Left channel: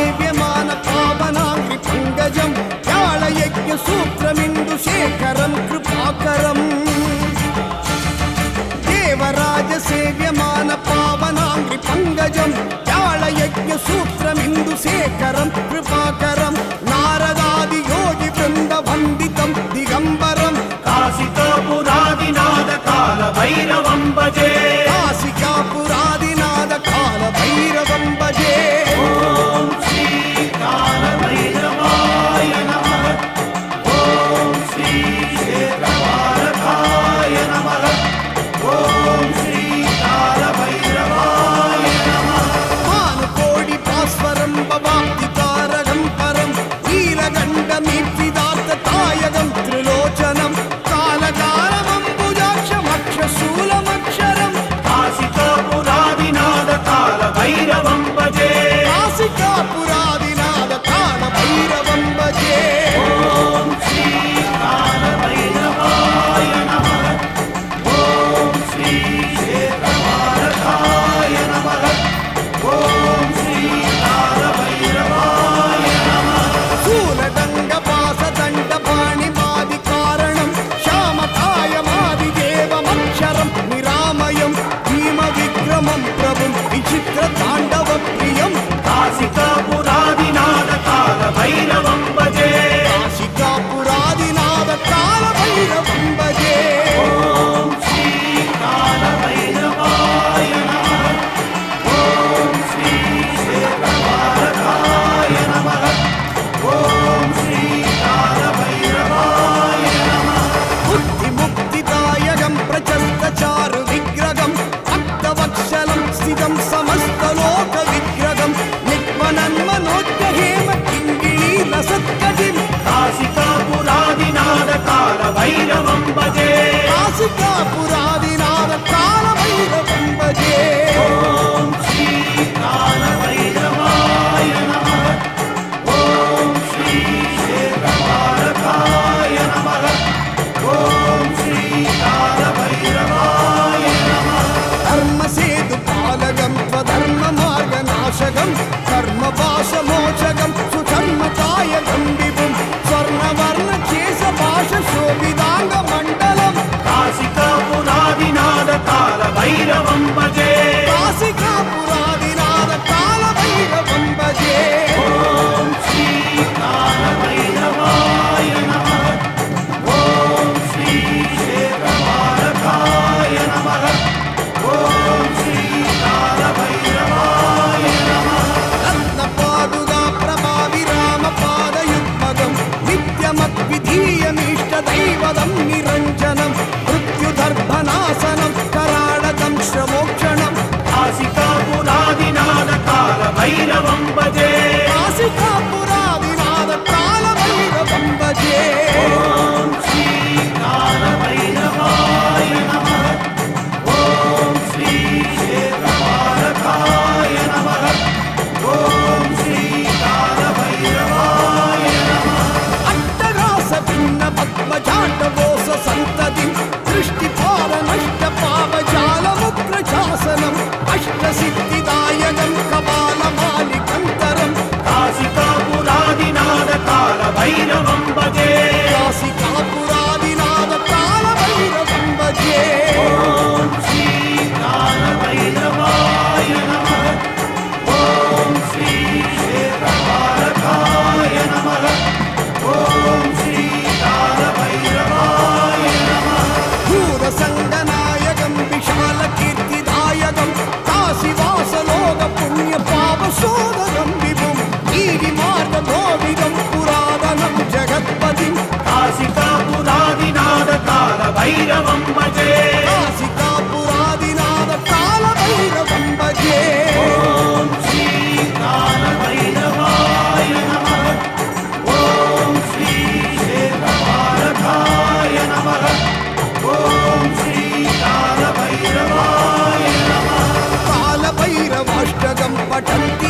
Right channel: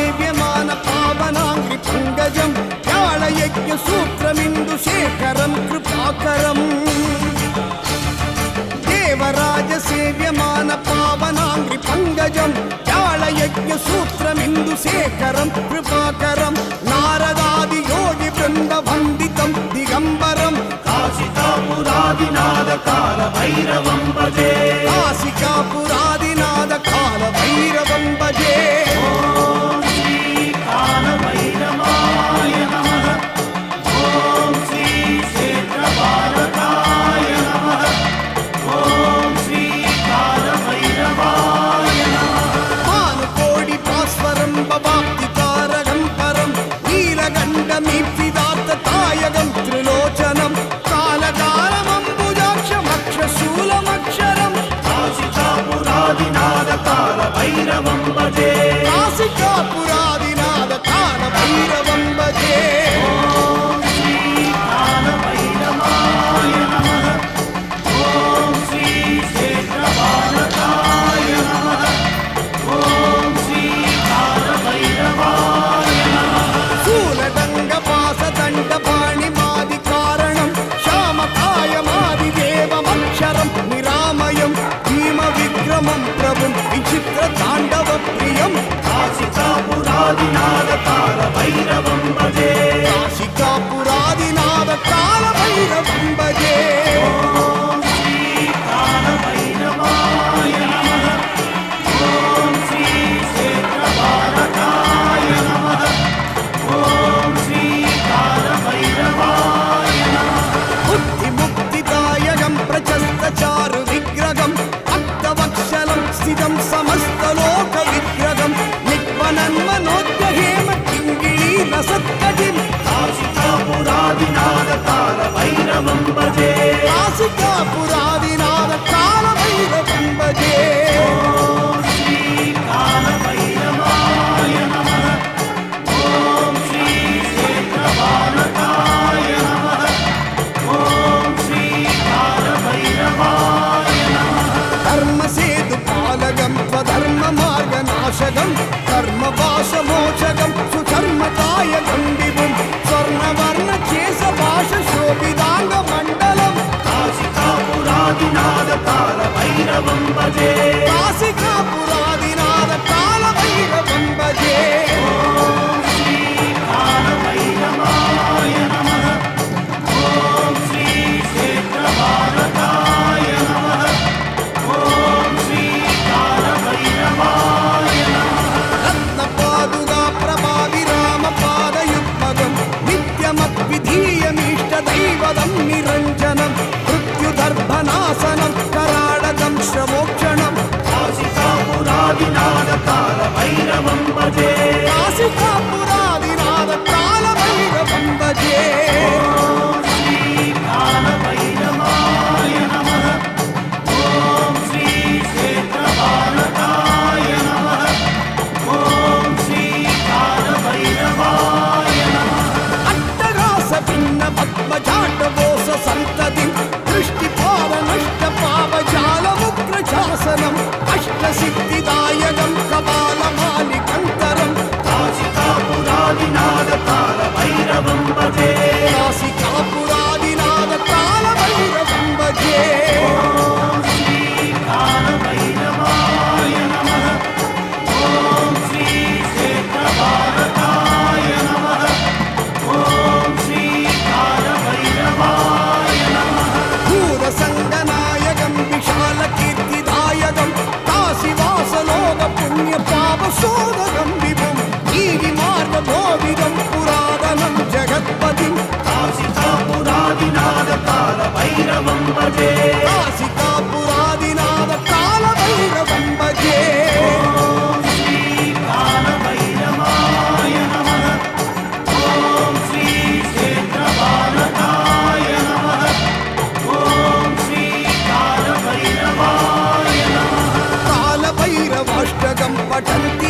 ದಿವ್ಯಮಾನ ಪಾವನಾಂಗಿ ಪಂಗಜಂ ಯಾಳಯಜ್ಞ ಸೂತ್ರಮಿಂದು ಶೇಖರಂ ಕೃಪಾಕರಂ Devaraja సేవ్యమాన పావనాంగ్రి పంగజం జాళయజ్ఞ సూత్రమిందు Shekharam కృపాకరం baby పదం నిరంజనం. षडगं पठन्ति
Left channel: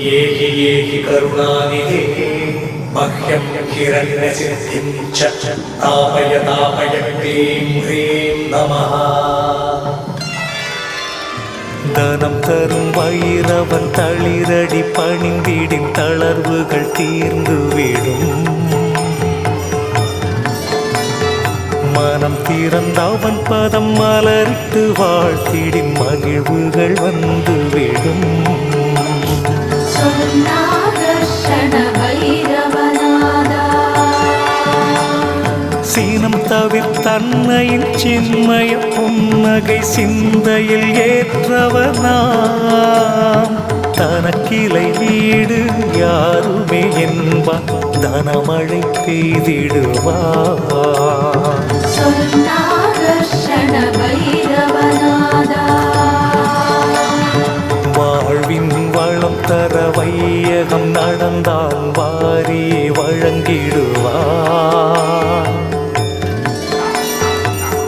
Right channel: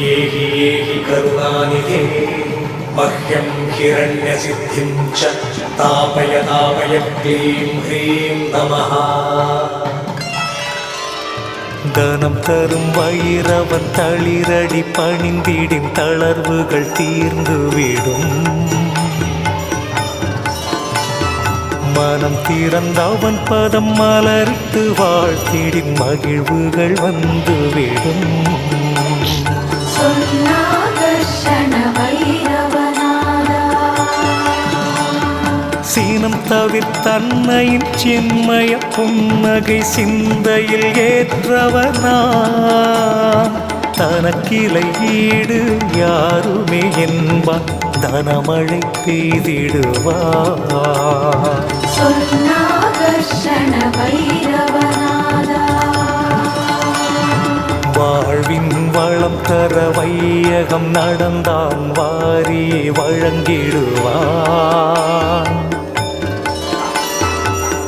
ഏകി ഏകി കരുണാനിധേ. മഹ്യം ഹിരണ്യസിദ്ധിം ച താപയ താപയ ക്ലീം ഹ്രീം നമഃ. தனம் தரும் வயிறவன் தளிரடி பணிந்திடின் தளர்வுகள் தீர்ந்துவிடும் மனம் திறந்த அவன் பதம் மலரிட்டு வாழ்த்திடின் மகிழ்வுகள் வந்துவிடும் சீனம் தவிர்த்தன்னையின் சின்மய புன்னகை சிந்தையில் ஏற்றவனாம். தனக்கிளை ஈடு யாருமே என்பார் தனமழை பெய்திடுவார் வாழ்வின் வளம் தர வையகம் நடந்தான். வாரியே வழங்கிடுவான்.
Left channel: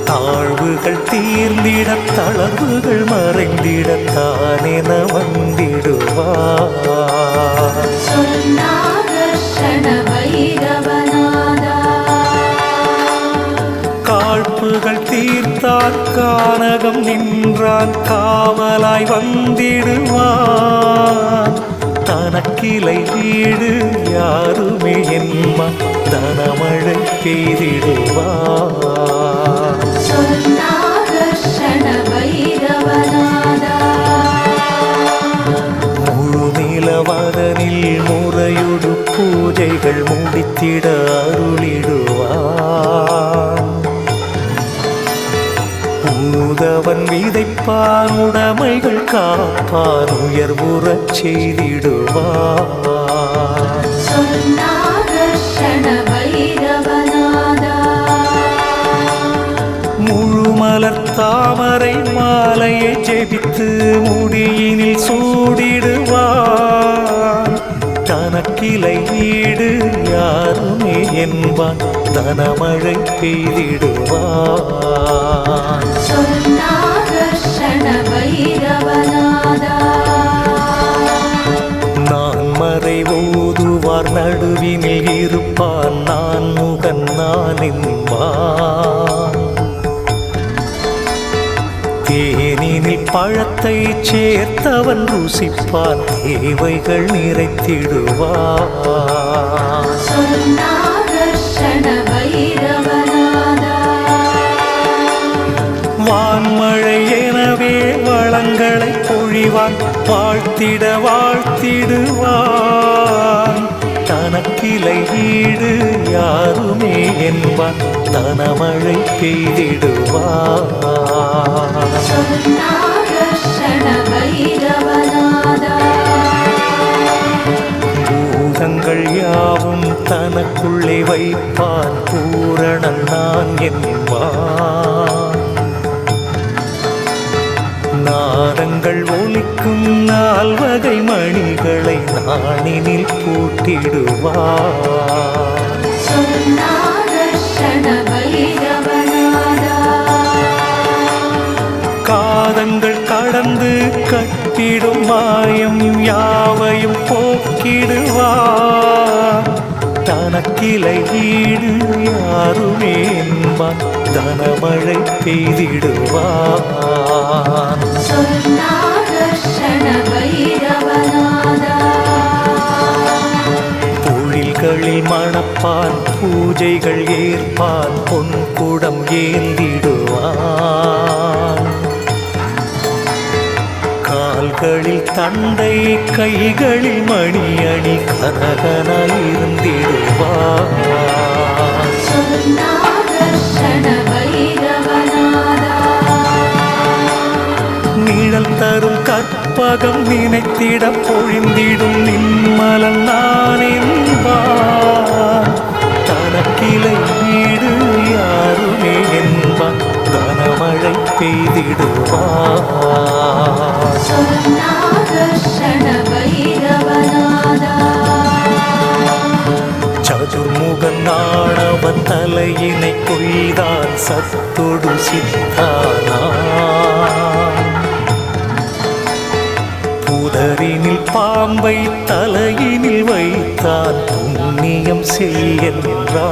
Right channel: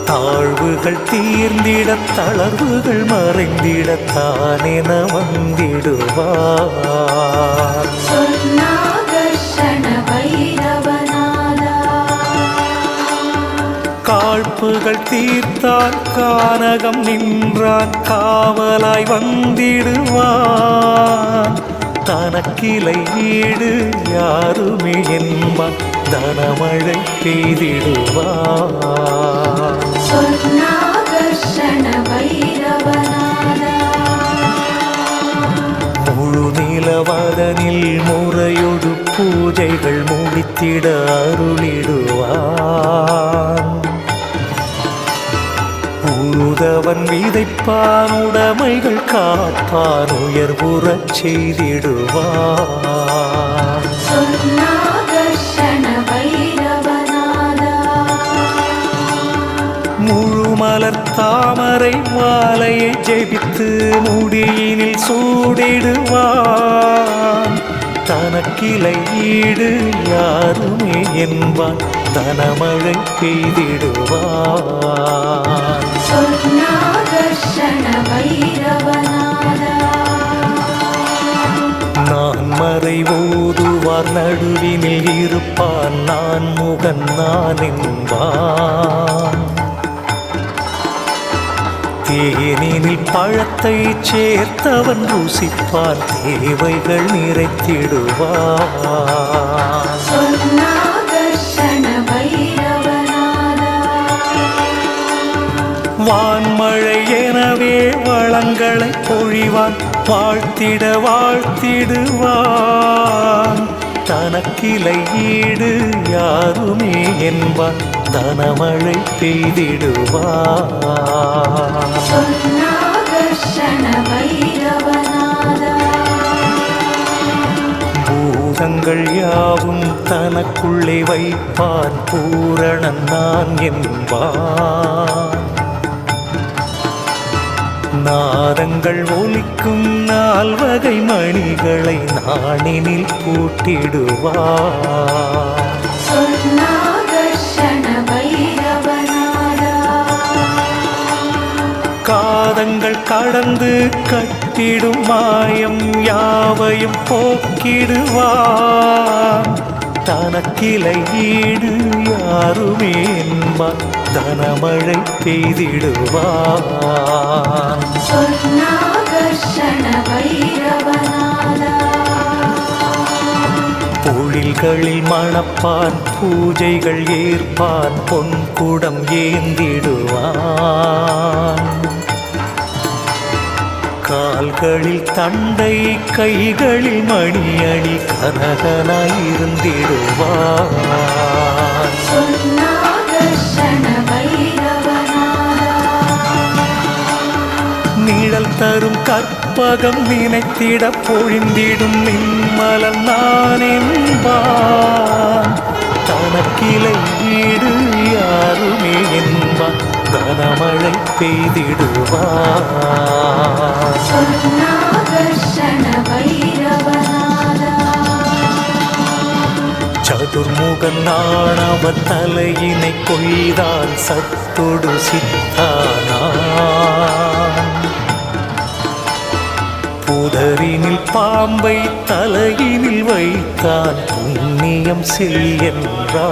தாழ்வுகள் தீர்ந்திட தளர்வுகள் மறைந்திட தானென வந்திடுவார். காழ்ப்புகள் தீர்த்தான் கானகம் நின்றான் காவலாய் வந்திடுவான். தனக்கிளை ஈடு யாருமே என்பான் தனமழை பெய்திடுவான் நிலவதனில் முறையொடு பூஜைகள் முடித்திட அருளிடுவான். உழுதவன் விதைப்பான் உடைமைகள் காப்பான் உயர்வுறச் செய்திடுவான். முழுமலர் தாமரை மாலையை ஜெபித்து முடியினில் சூடிடுவான். தனக்கிளை ஈடு யாருமே என்பான். தனமழை பெய்திடுவான். நான் மறை ஓதுவார் நடுவினில் இருப்பான். நான் முகன் நான் என்பான். தேனினில் பழத்தை சேர்த்தவன் ருசிப்பான் தேவைகள் நிறைத்திடுவான். வான்மழை எனவே வளங்களை பொழிவான் வாழ்த்திட வாழ்த்திடுவான். தனக்கிளை ஈடு யாருமே என்பான் தனமழை பெய்திடுவான் பூதங்கள் யாவும் தனக்குள்ளே வைப்பான் பூரணன் நான் என்பான். நாதங்கள் ஒலிக்கும் நால்வகை மணிகளை நாணினில் பூட்டிடுவான் காதங்கள் கடந்து கட்டிடும் மாயம் யாவையும் போக்கிடுவான். தனக்கிளை ஈடு யாருமே என்பான். தனமழை பெய்திடுவான். பொழில்களில் மணப்பான் பூஜைகள் ஏற்பான் பொன் பொன்குடம் ஏந்திடுவான். கால்களில் தந்தை கைகளில் மணி அணி கனகனாயிருந்திடுவான் நிழல் தரும் கற்பகம் நினைத்திட பொழிந்திடும் நிம்மலன் நான் என்பான் தனக்கிளை வீடு யாருமே என்பான். தனமழை பெய்திடுவார். சதுர்முகன் நாணவன் தலையினை கொய்தான் சத்தொடு சித்தானான். புதரினில் பாம்பை தலையினில் வைத்தான் புண்ணியம் செய்யன்றான்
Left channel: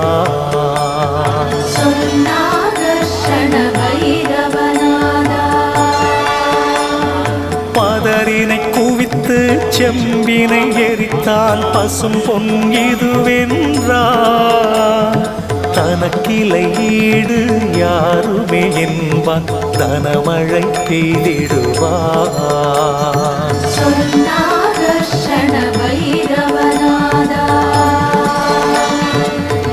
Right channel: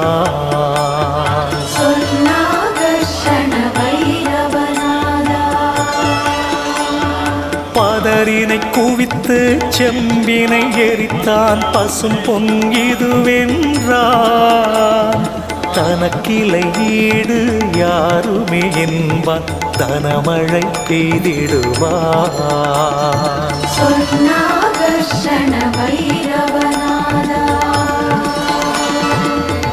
பதரினை குவித்து செம்பினை எரித்தான் பசும் பொன் இதுவென்றான். தனக்கிளை ஈடு யாருமே என்பான் தனமழை பெய்திடுவான்.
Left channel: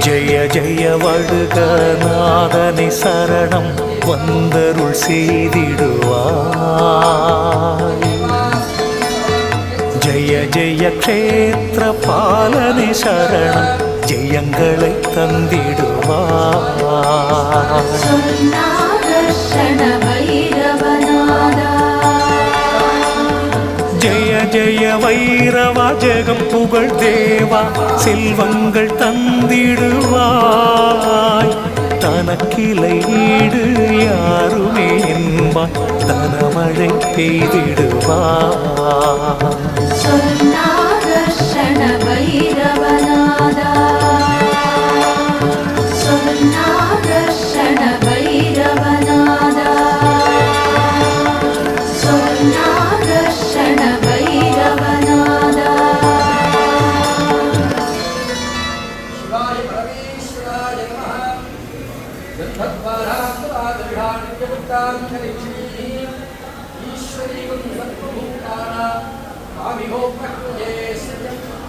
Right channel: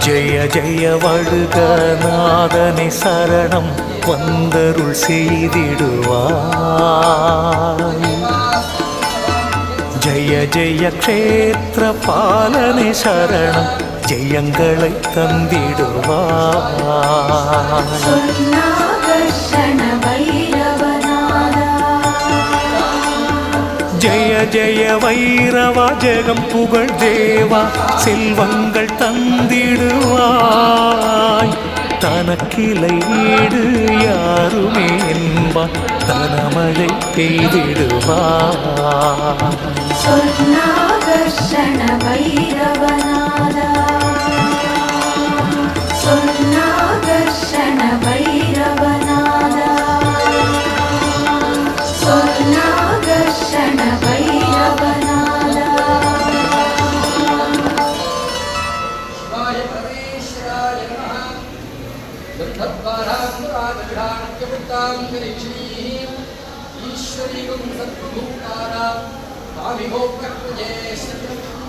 ஜெய ஜெய வழுக நாதனை சரணம். வந்தருள் செய்திடுவாய். ஜெய ஜெய க்ஷேத்திர பாலனை சரணம் ஜெயங்களை தந்திடுவாய். ஜெய ஜெய வைரவா ஜெகம் புகழ் தேவா செல்வங்கள் தந்திடுவாய். தனக்கிளை ஈடு யாருமே என்பார். தனமழை பெய்திடுவாய் गन्धद्वारान्तरागविधानत्यमुक्तां करीक्षीम् ईश्वरीगं सर्वभूतानां कामिहोपक्वजे सत्यम्